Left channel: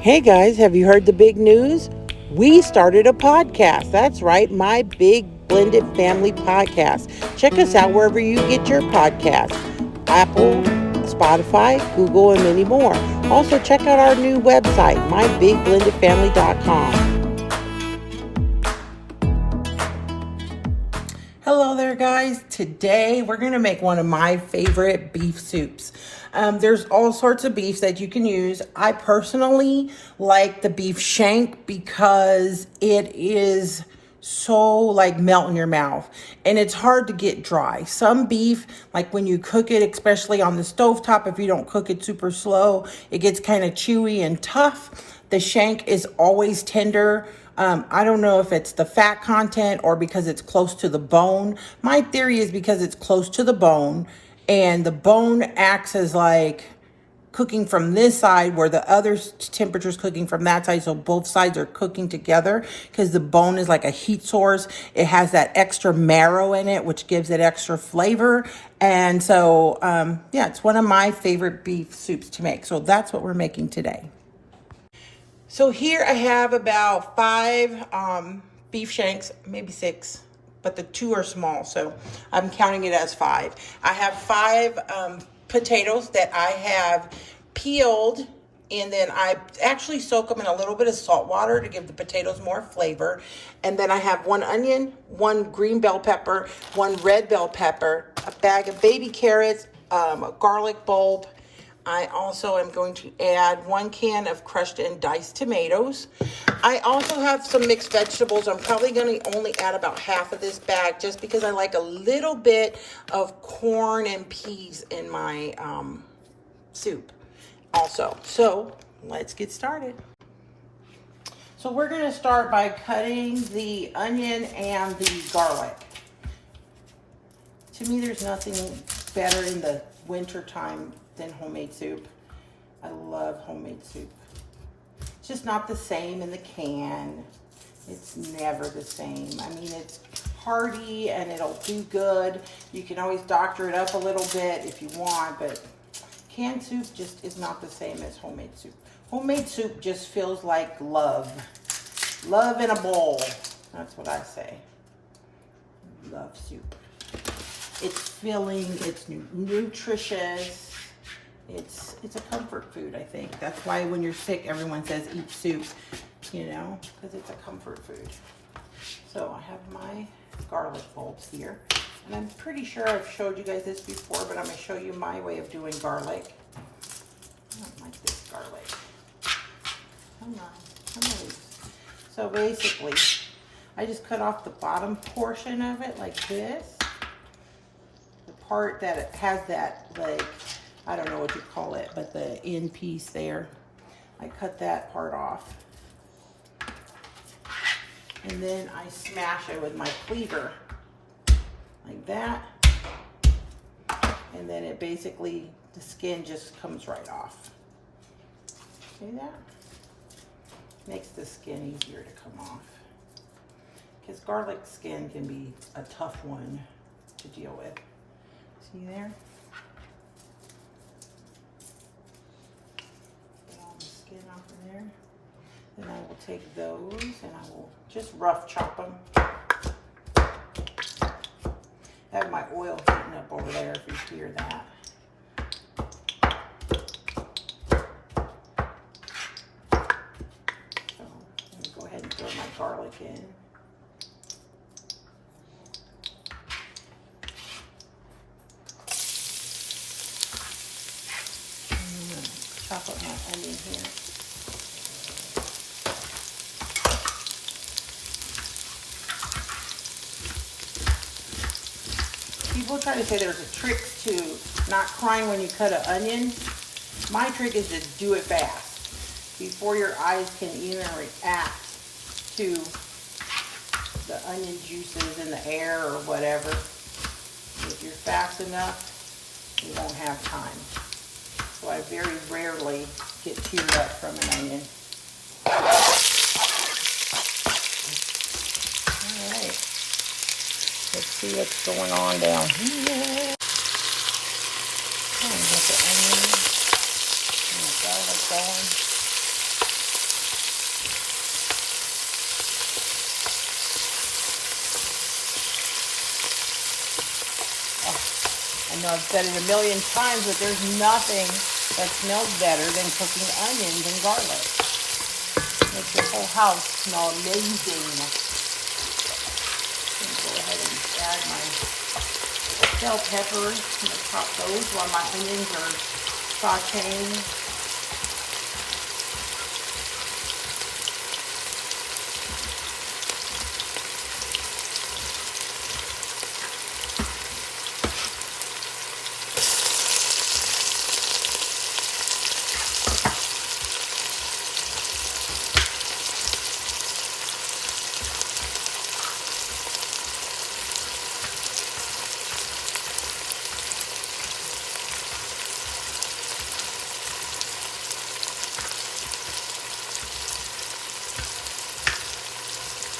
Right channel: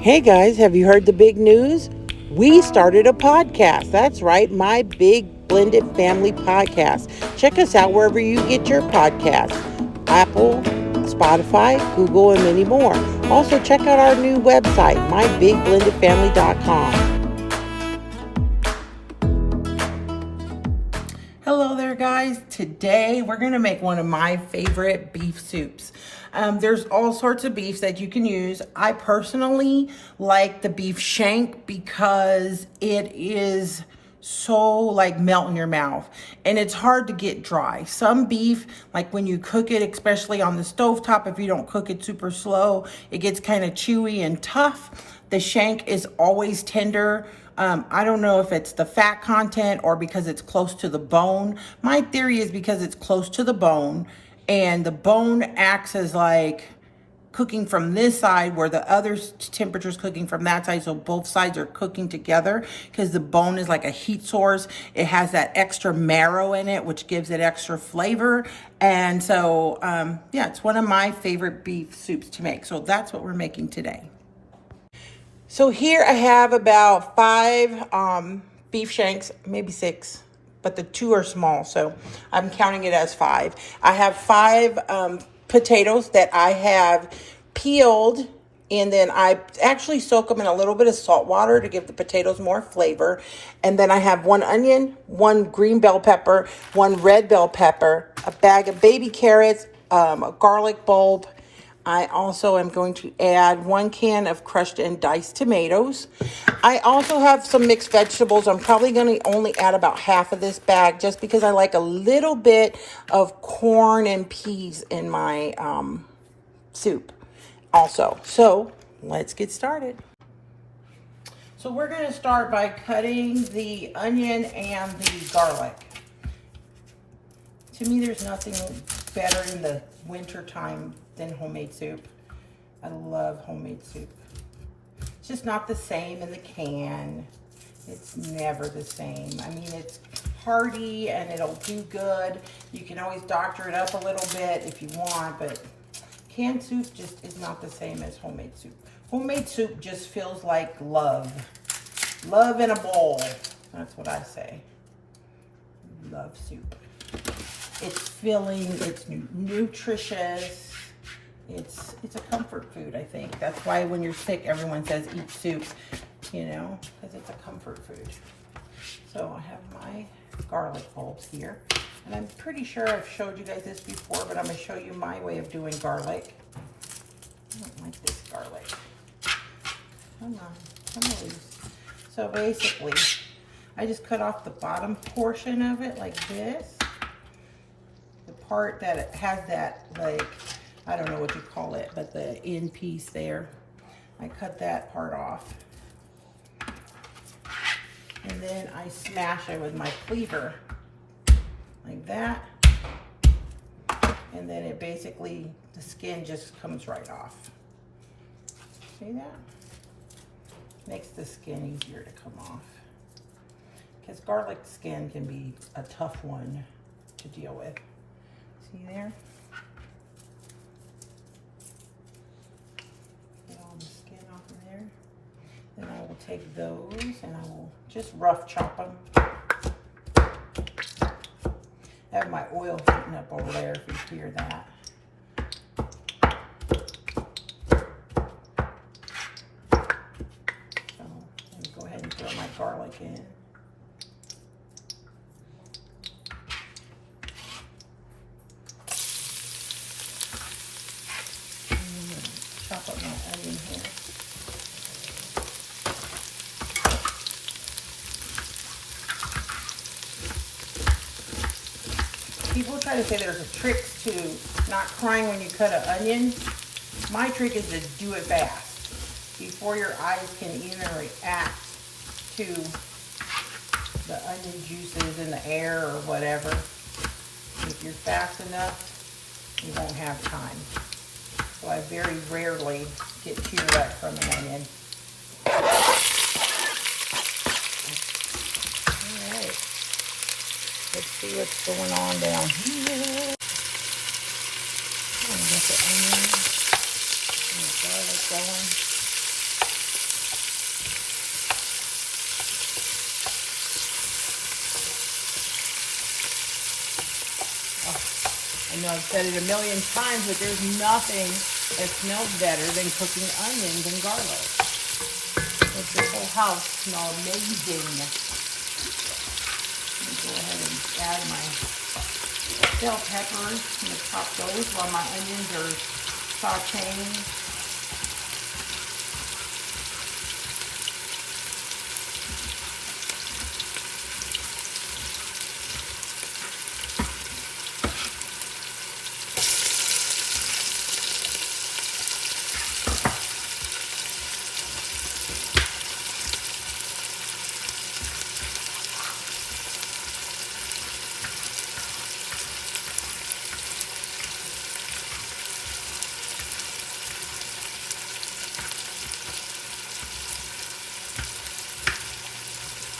Hey guys, have you heard the big news? We started a podcast. That's right, my Big Blended Family Podcast. Check us out wherever you get your podcasts. Apple, Spotify, Google, and many more. Also, check out our new website, mybigblendedfamily.com. Hello there, guys. Today we're going to make one of my favorite beef soups. There's all sorts of beefs that you can use. I personally like the beef shank because it is so like melt in your mouth and it's hard to get dry. Some beef, like when you cook it, especially on the stovetop, if you don't cook it super slow, it gets kind of chewy and tough. The shank is always tender. I don't know if it's the fat content or because it's close to the bone. My theory is because it's close to the bone and the bone acts as like cooking from this side where the other temperature is cooking from that side. So both sides are cooking together because the bone is like a heat source. It has that extra marrow in it, which gives it extra flavor. And so, yeah, it's one of my favorite beef soups to make. So that's what we're making today. So here I have about 5 beef shanks, maybe 6, but the 2 are small, so I'm counting it as 5. I have 5 potatoes that I have peeled, and then I actually soak them in a little bit of salt water to give the potatoes more flavor. And then I have 1 onion, 1 green bell pepper, 1 red bell pepper, a bag of baby carrots, a garlic bulb. I also am going to add 1 can of crushed and diced tomatoes. I also have some mixed vegetables. I'm probably going to only add about half of this bag just because I like a little bit of corn and peas in my soup also. So let's get started. So we're going to start by cutting the onion and the garlic. To me, there's nothing better in the winter time than homemade soup. I love homemade soup. It's just not the same in the can. It's never the same. I mean, it's hearty and it'll do good. You can always doctor it up a little bit if you want, but canned soup just is not the same as homemade soup. Homemade soup just feels like love. Love in a bowl. That's what I say. Love soup. It's filling, it's nutritious. It's a comfort food, I think. That's why when you're sick, everyone says eat soup, you know, because it's a comfort food. So I have my garlic bulbs here. And I'm pretty sure I've showed you guys this before, but I'm going to show you my way of doing garlic. I don't like this garlic. Come on, come on. So basically, I just cut off the bottom portion of it like this. The part that it has that, like, I don't know what you call it, but the end piece there, I cut that part off. And then I smash it with my cleaver, like that. And then it basically, the skin just comes right off. See that? Makes the skin easier to come off. Because garlic skin can be a tough one to deal with. See there? Get all the skin off of there. Then I will take those and I will just rough chop them. I have my oil heating up over there if you hear that. So let me go ahead and throw my garlic in. Chop up my onion here. People try to say there's a trick to not crying when you cut an onion. My trick is to do it fast before your eyes can even react to the onion juices in the air or whatever. If you're fast enough, you won't have time. So I very rarely get too wet from an onion. Alright, let's see what's going on down here. Get the onion and the garlic going. know, I've said it a million times, but there's nothing that smells better than cooking onions and garlic. Makes your whole house smell amazing. I'm gonna go ahead and add my bell peppers. I'm gonna chop those while my onions are sauteing.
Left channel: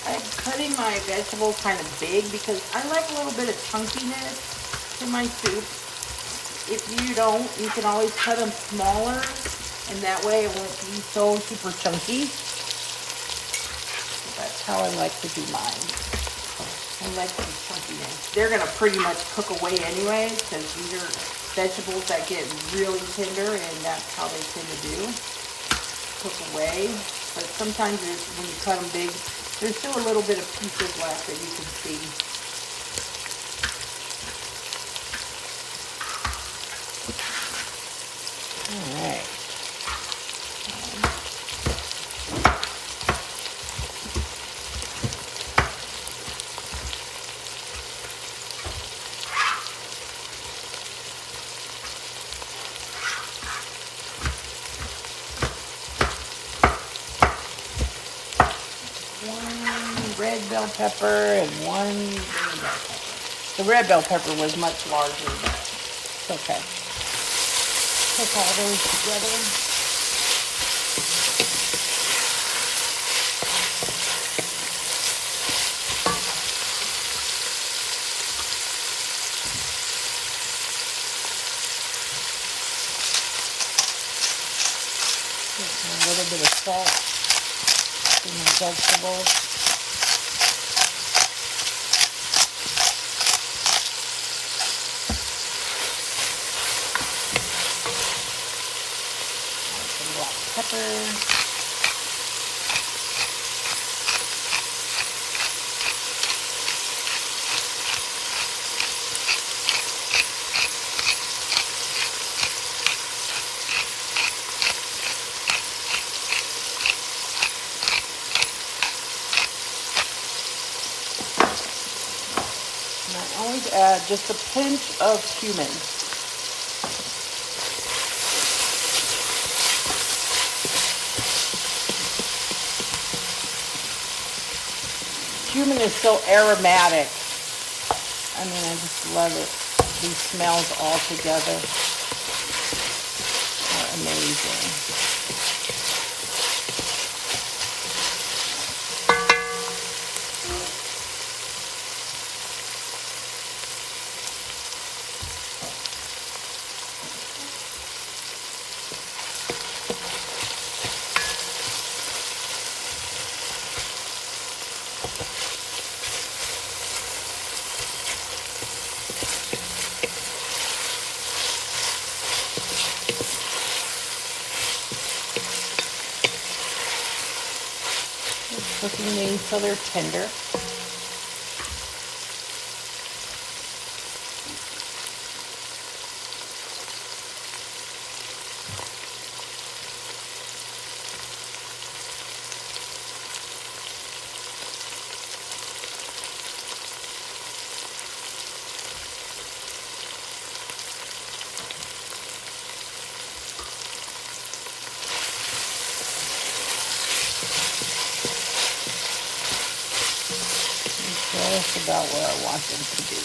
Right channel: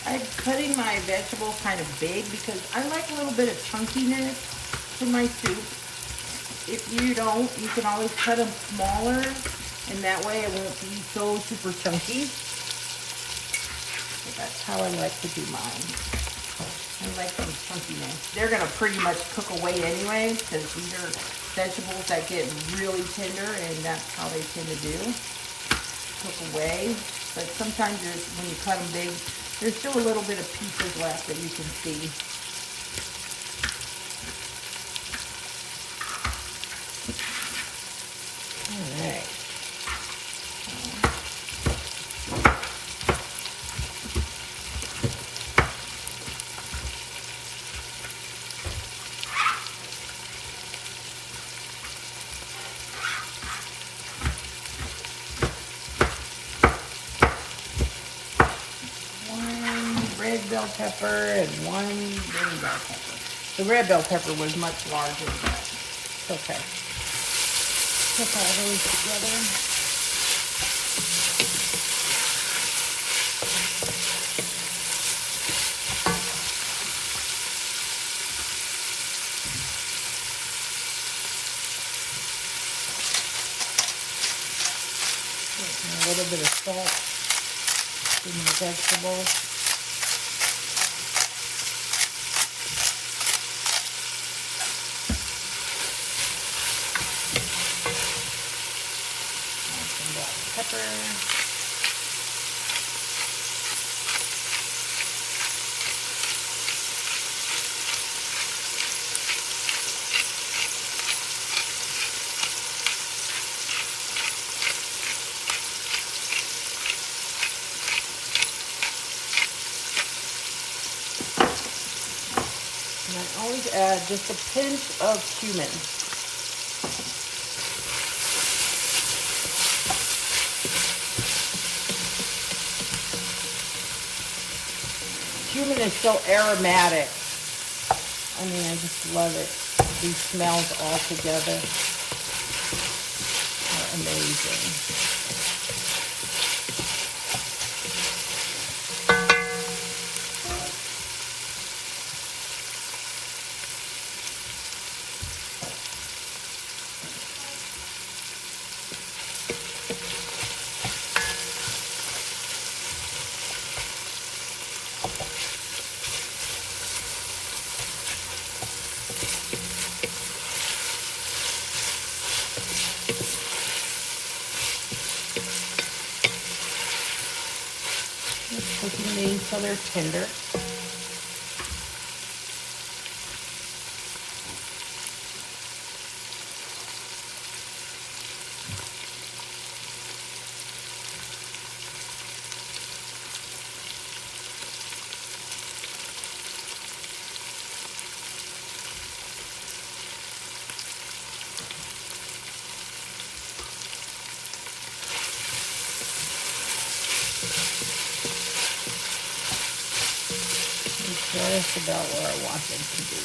I'm cutting my vegetables kind of big because I like a little bit of chunkiness to my soup. If you don't, you can always cut them smaller, and that way it won't be so super chunky. So that's how I like to do mine. I like them chunkiness. They're going to pretty much cook away anyway because these are vegetables that get really tender, and that's how they tend to do. Cook away. But sometimes when you cut them big, there's still a little bit of pieces left that you can see. All right. Red bell pepper and one green bell pepper. The red bell pepper was much larger, but okay. Put all those together. A little bit of salt in my vegetables. Add just a pinch of cumin. Cumin is so aromatic. I mean, I just love it. These smells all together. Amazing. So they're tender. About where I want them to be.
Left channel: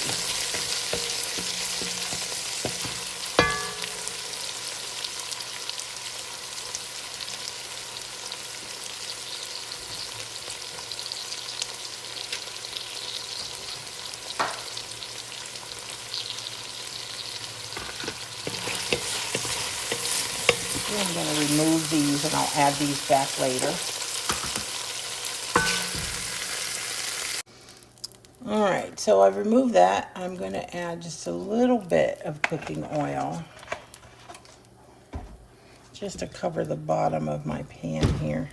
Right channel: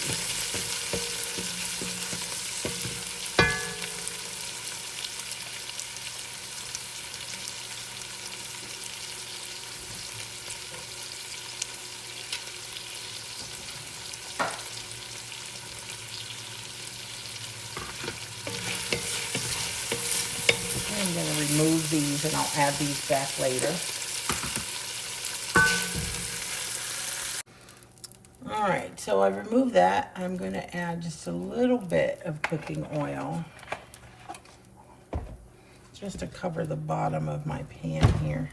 I'm going to remove these and I'll add these back later. All right, so I've removed that. I'm going to add just a little bit of cooking oil just to cover the bottom of my pan here.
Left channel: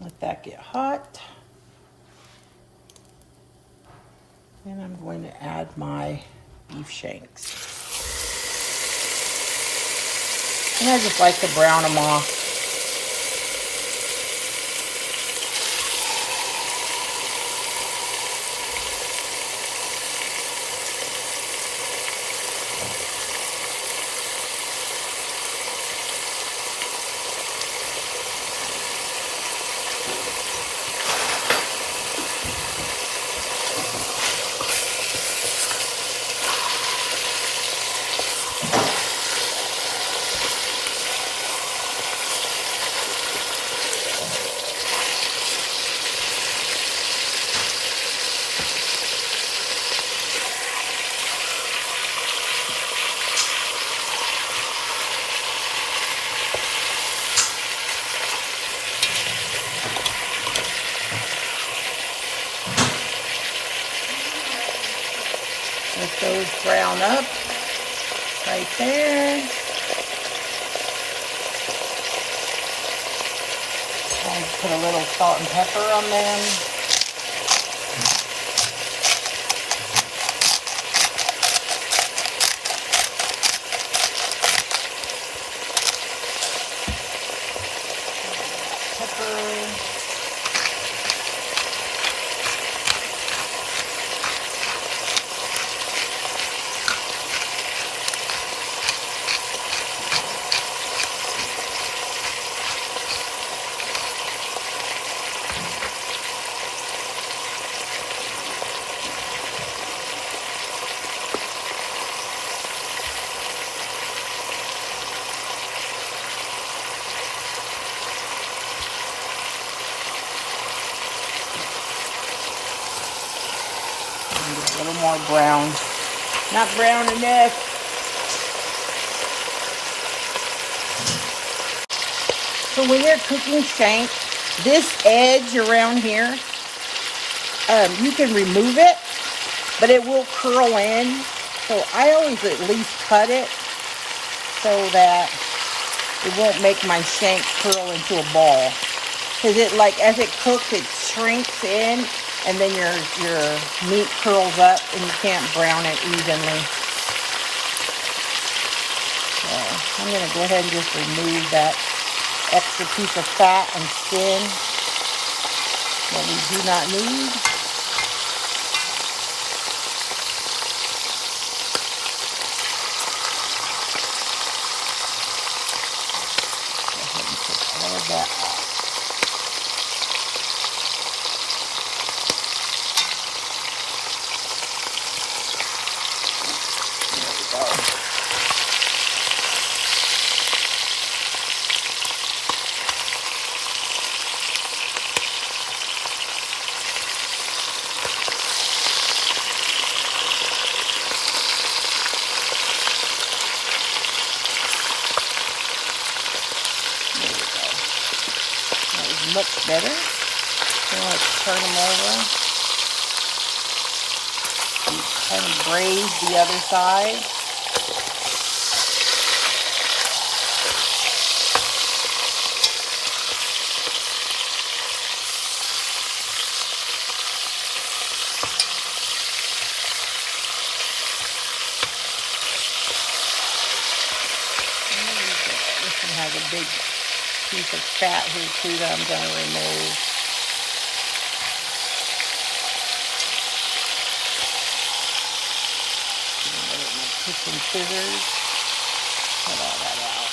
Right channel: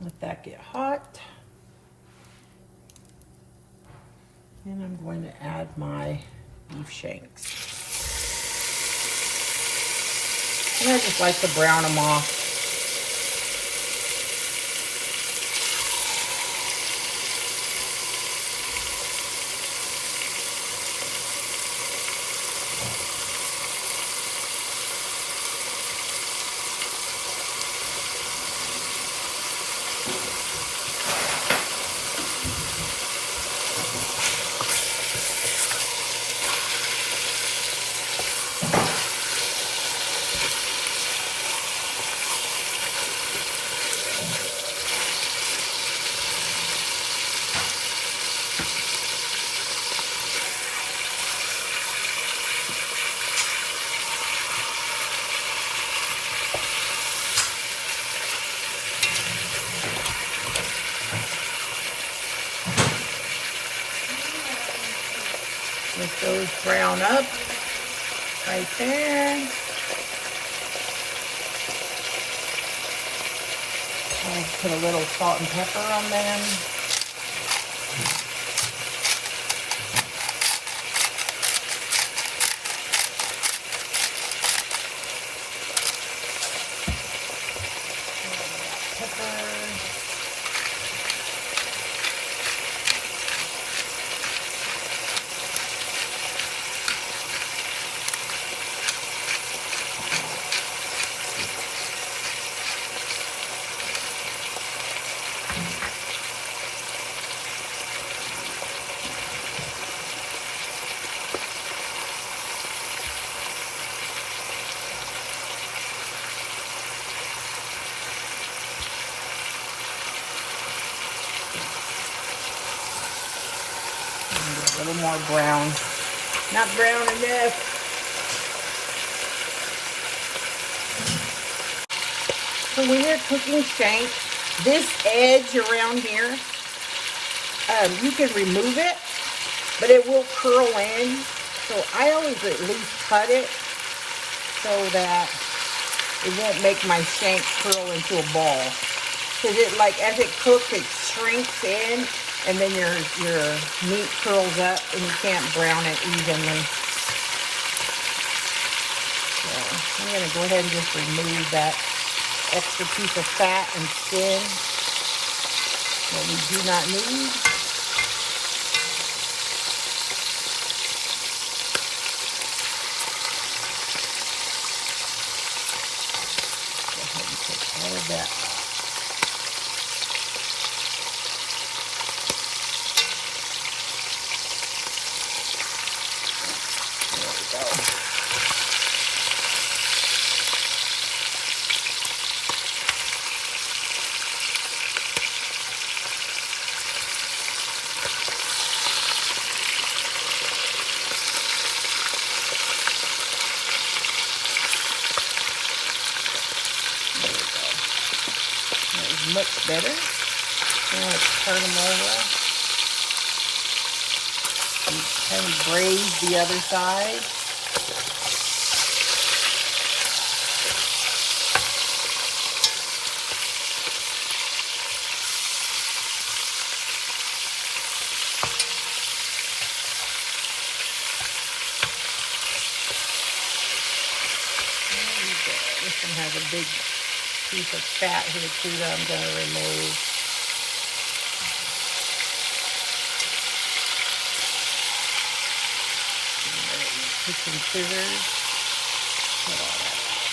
Let that get hot. And I'm going to add my beef shanks. And I just like to brown them off. Those brown up right there. And put a little salt and pepper on them. A little more brown. Not brown enough. So when you're cooking shank, this edge around here, you can remove it, but it will curl in. So I always at least cut it so that it won't make my shank curl into a ball. Because it, like, as it cooks, it shrinks in, and then your meat curls up and you can't brown it evenly. So I'm going to go ahead and just remove that extra piece of fat and skin that we do not need. All of that off. Much better. Now let's turn them over and kind of braise the other side. This one has a big piece of fat here too that I'm going to remove. Take some scissors, cut all that out.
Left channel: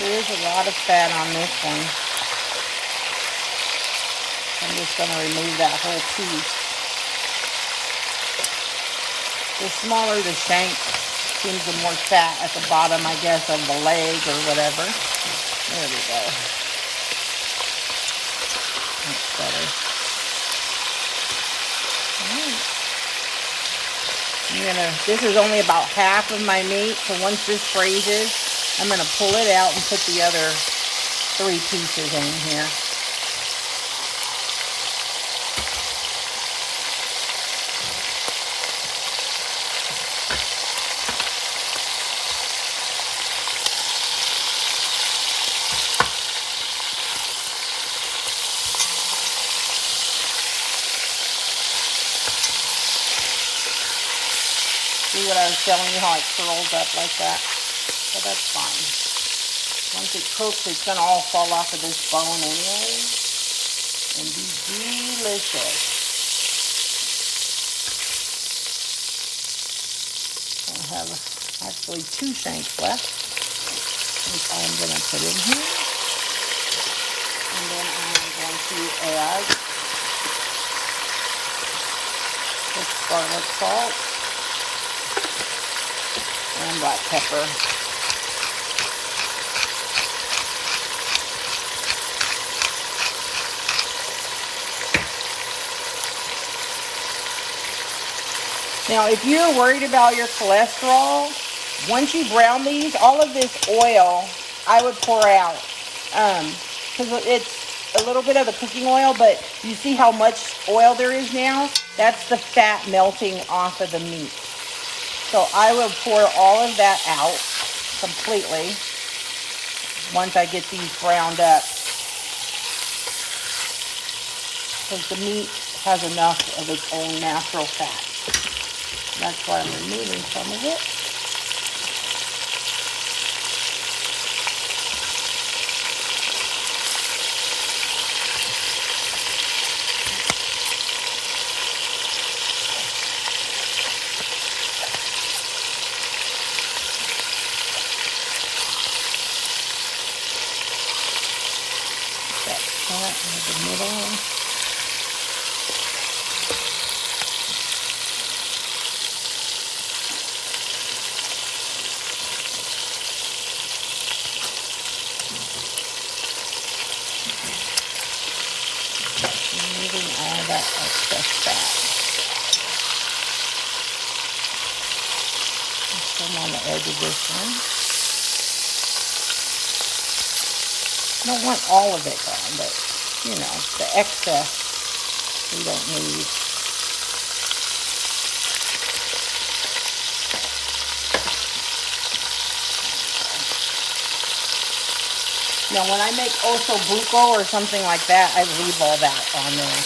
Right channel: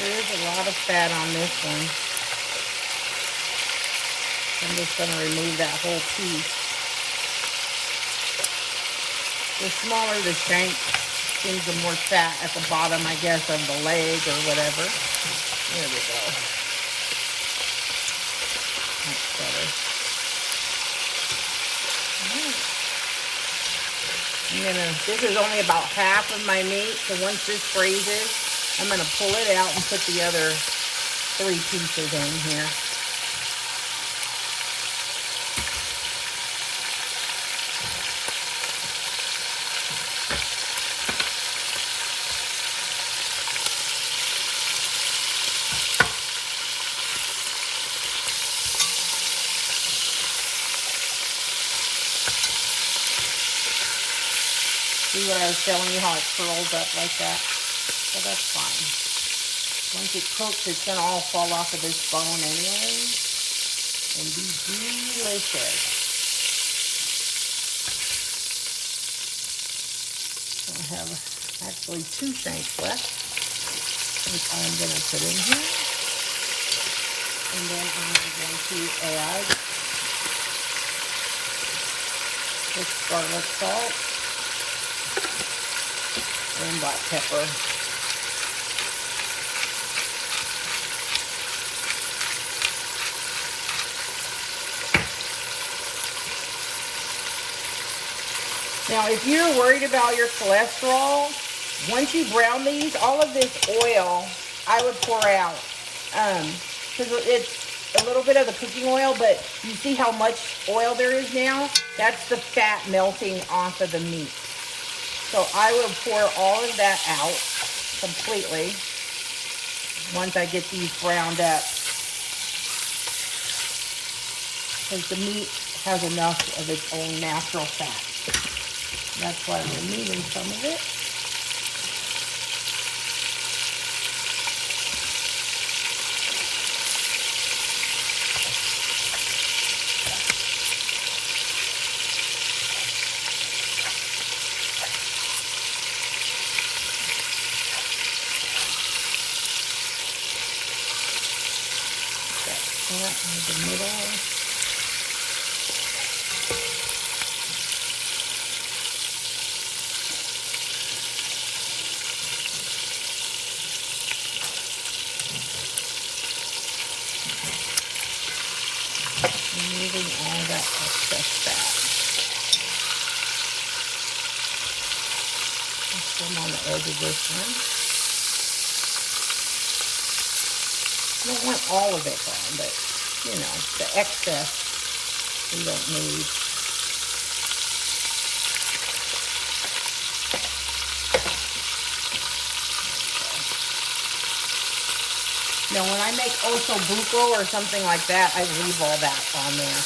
There's a lot of fat on this one. I'm just going to remove that whole piece. The smaller the shank, Seems the more fat at the bottom, I guess, of the leg or whatever. There we go. That's better. This is only about half of my meat, so once this freezes, I'm going to pull it out and put the other 3 pieces in here. See what I was showing you, how it curls up like that? So that's fine. Once it cooks, it's going to all fall off of this bone anyway and be delicious. I have actually 2 shanks left, which I'm going to put in here. And then I'm going to add this garlic salt and black pepper. Now, if you're worried about your cholesterol, once you brown these, all of this oil I would pour out. Because it's a little bit of the cooking oil, but you see how much oil there is now? That's the fat melting off of the meat. So I will pour all of that out completely once I get these browned up. Because the meat has enough of its own natural fat. That's why I'm removing some of it. I don't want all of it gone, but, you know, the excess we don't need. Now, when I make osso buco or something like that, I leave all that on there.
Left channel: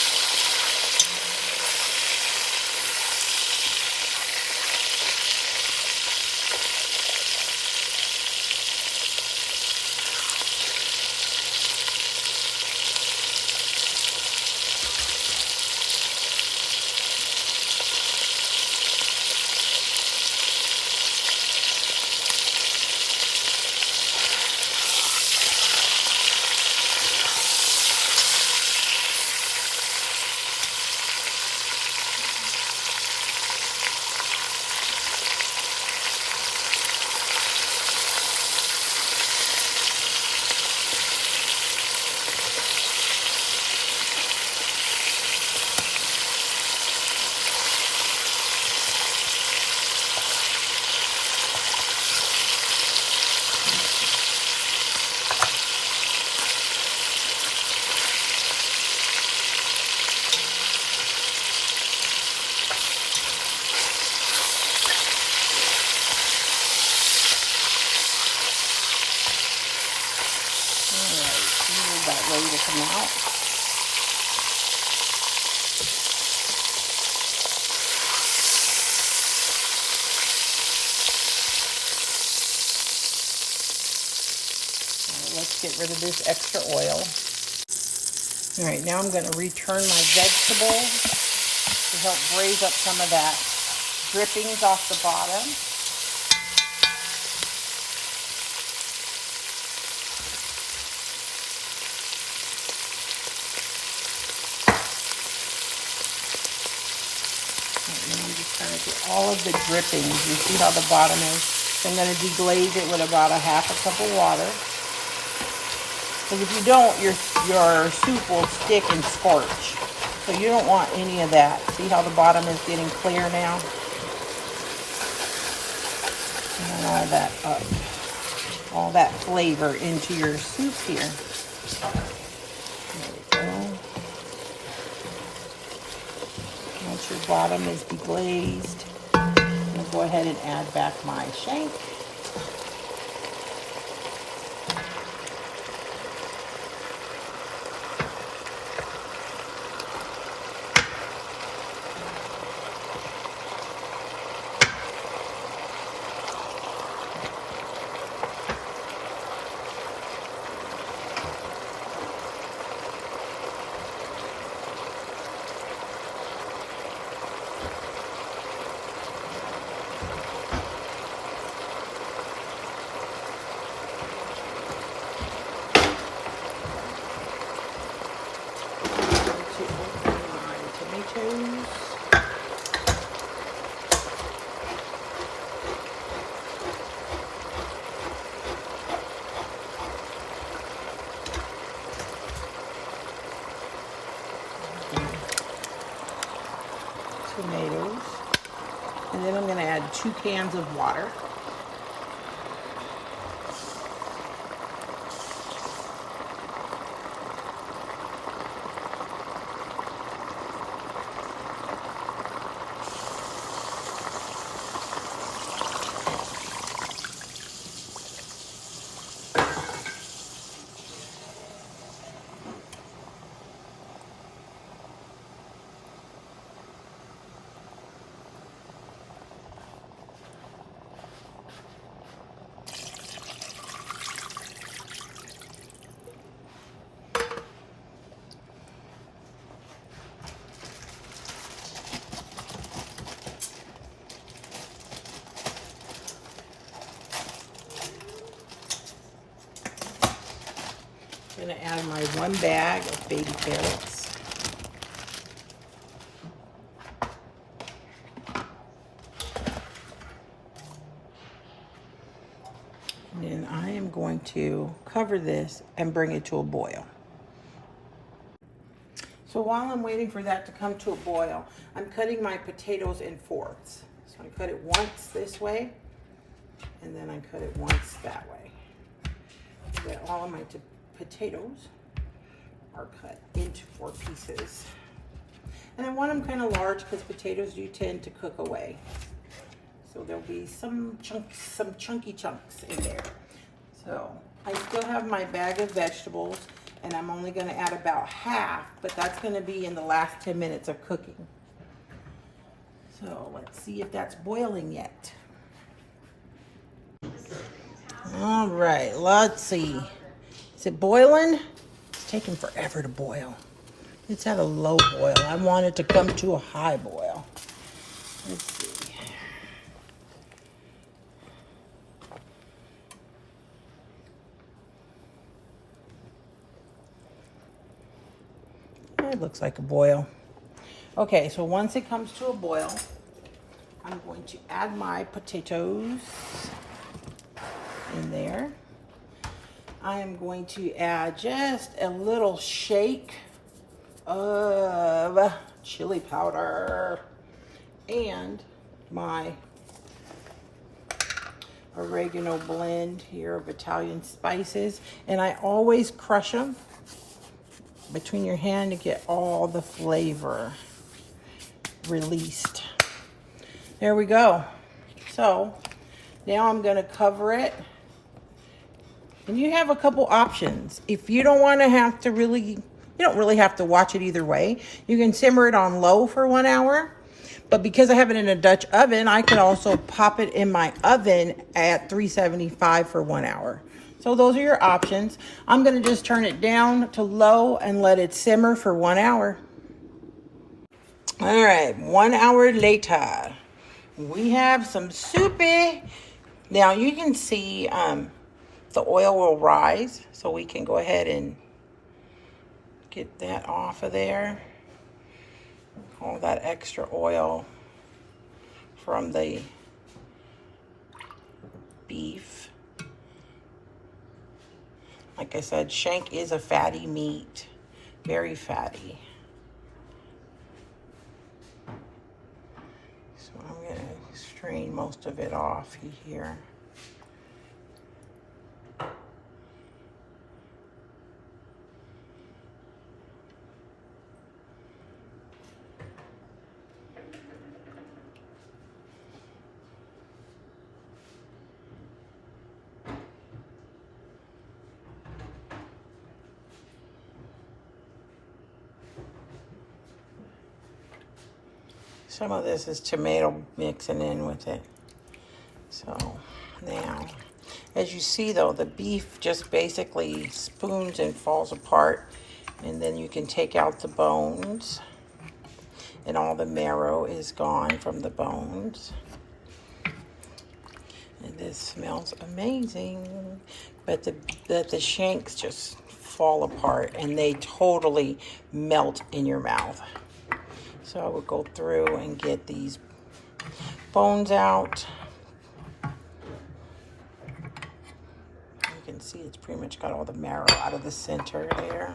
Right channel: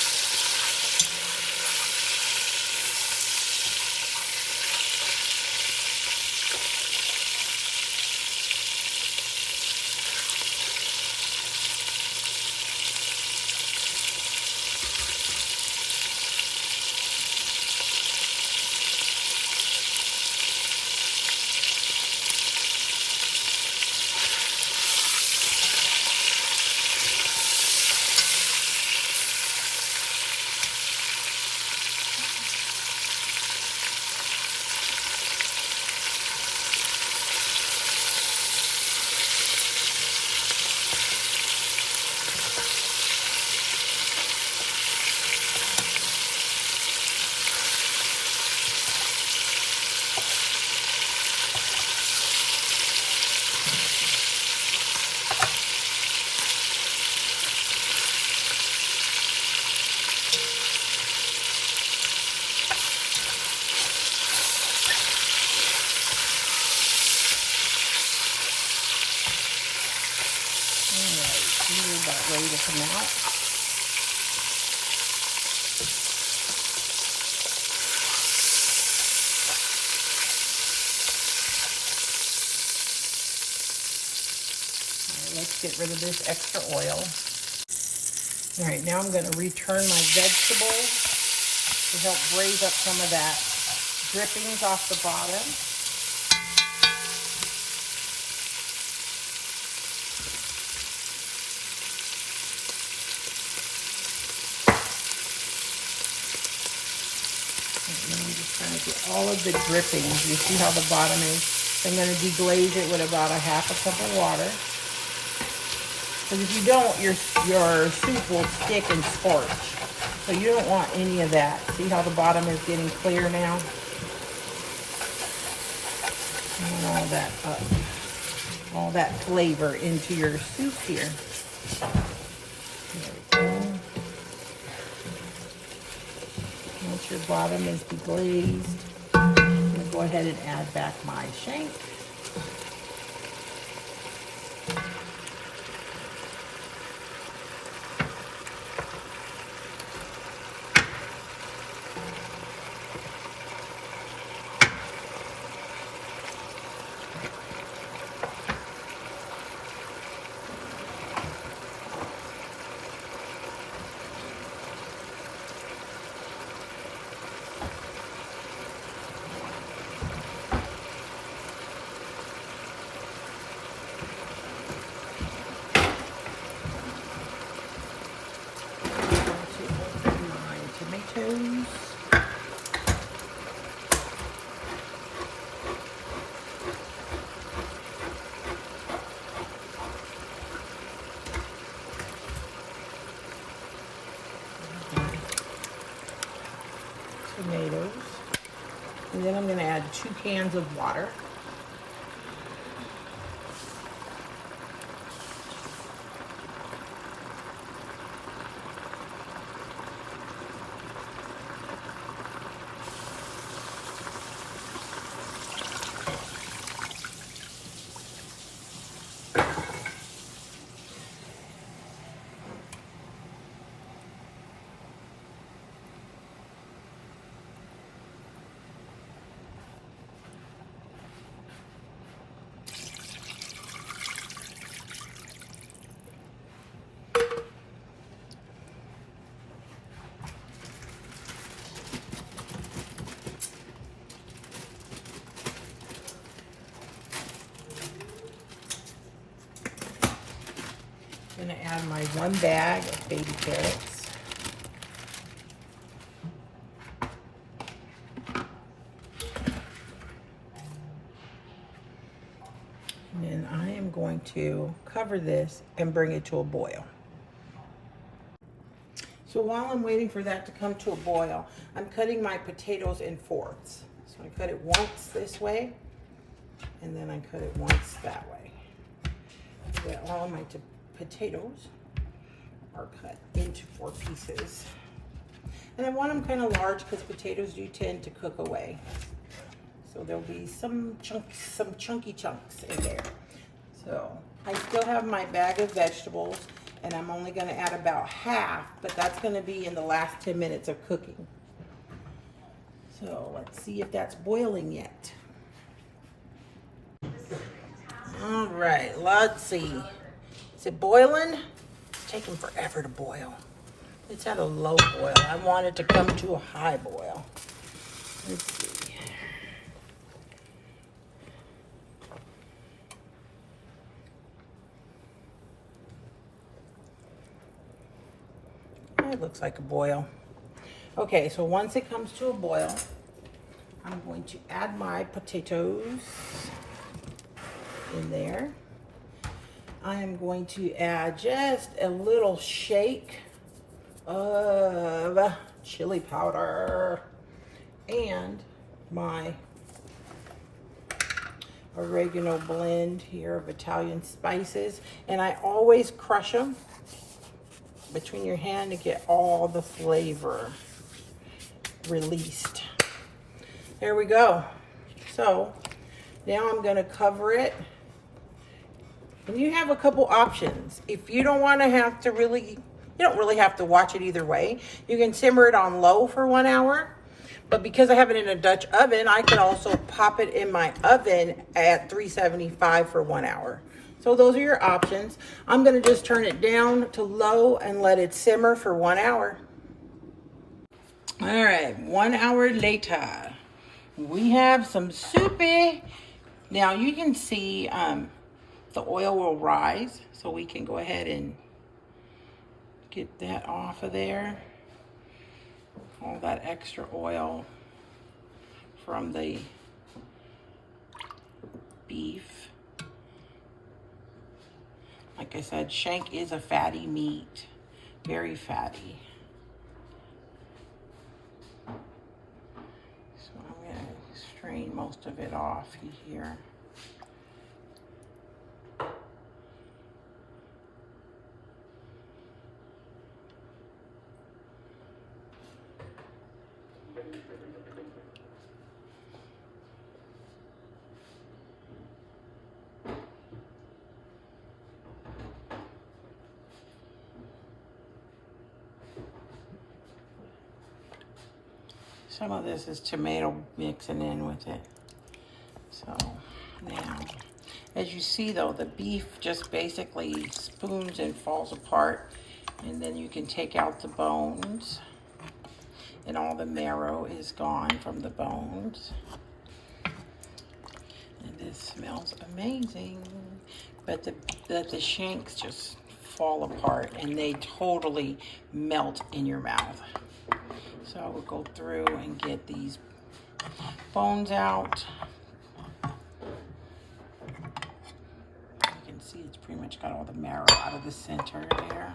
Let's get rid of this extra oil. All right, now I'm going to return my vegetables to help braise up some of that drippings off the bottom. And I'm just trying to get all of the drippings. You see how the bottom is? I'm going to deglaze it with about a half a cup of water. Because if you don't, your soup will stick and scorch. So you don't want any of that. See how the bottom is getting clear now? All that up. All that flavor into your soup here. Once your bottom is deglazed, I'll go ahead and add back my shank. Tomatoes. And then I'm going to add 2 cans of water. I'm going to add my 1 bag of baby carrots. And then I am going to cover this and bring it to a boil. So while I'm waiting for that to come to a boil, I'm cutting my potatoes in 4ths. So I cut it once this way, and then I cut it once that way. So that all of my potatoes are cut into 4 pieces. And I want them kind of large because potatoes do tend to cook away. So there'll be some chunky chunks in there. So I still have my bag of vegetables, and I'm only going to add about half, but that's going to be in the last 10 minutes of cooking. So let's see if that's boiling yet. All right, let's see. Is it boiling? It's taking forever to boil. It's at a low boil. I want it to come to a high boil. Let's see. It looks like a boil. Okay, so once it comes to a boil, I'm going to add my potatoes in there. I am going to add just a little shake of chili powder and my oregano blend here of Italian spices. And I always crush them between your hand to get all the flavor released. There we go. So now I'm going to cover it. And you have a couple options. If you don't want to have to you don't really have to watch it either way. You can simmer it on low for 1 hour. But because I have it in a Dutch oven, I can also pop it in my oven at 375 for 1 hour. So those are your options. I'm going to just turn it down to low and let it simmer for 1 hour. All right, 1 hour later, we have some soupy. Now you can see the oil will rise, so we can go ahead and get that off of there. All that extra oil from the beef. Like I said, shank is a fatty meat, very fatty. So I'm gonna strain most of it off here. Some of this is tomato mixing in with it. So now, as you see though, the beef just basically spoons and falls apart, and then you can take out the bones, and all the marrow is gone from the bones. And this smells amazing. But the shanks just fall apart, and they totally melt in your mouth. So I would go through and get these bones out. You can see it's pretty much got all the marrow out of the center there.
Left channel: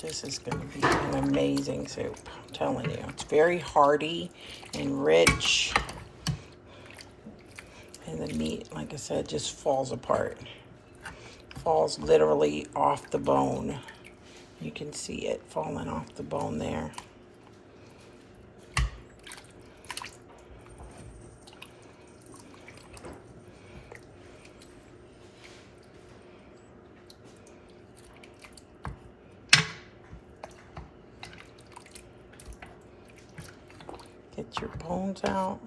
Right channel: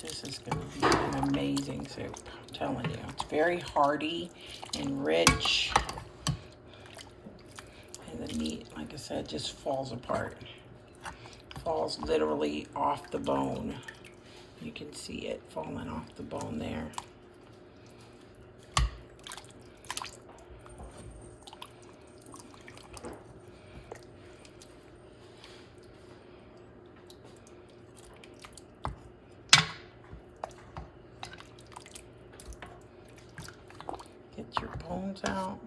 This is going to be an amazing soup, I'm telling you. It's very hearty and rich. And the meat, like I said, just falls apart. Falls literally off the bone. You can see it falling off the bone there. Get your bones out.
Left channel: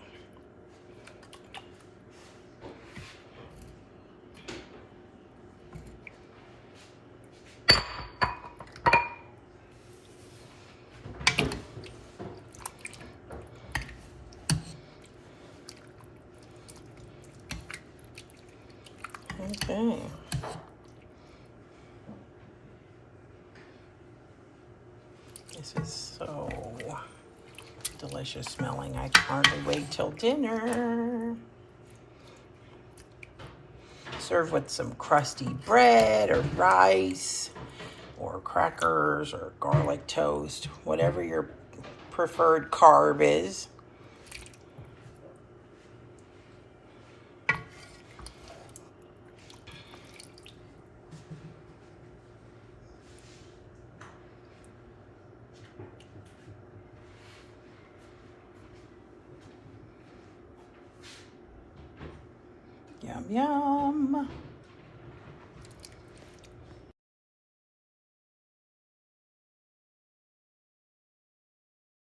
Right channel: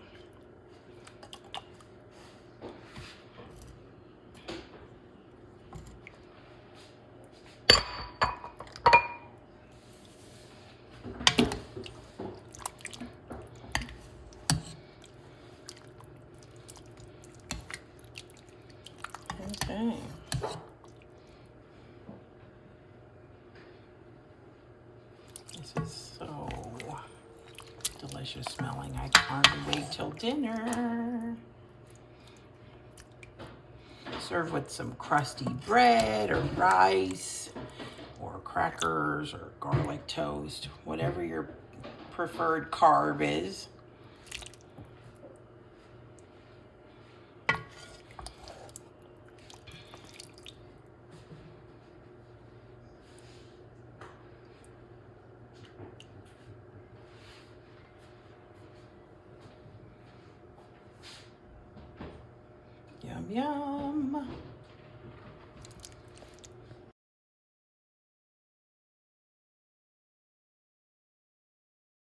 Okay. This is so delicious smelling. I can hardly wait till dinner. Serve with some crusty bread or rice or crackers or garlic toast, whatever your preferred carb is. Yum, yum.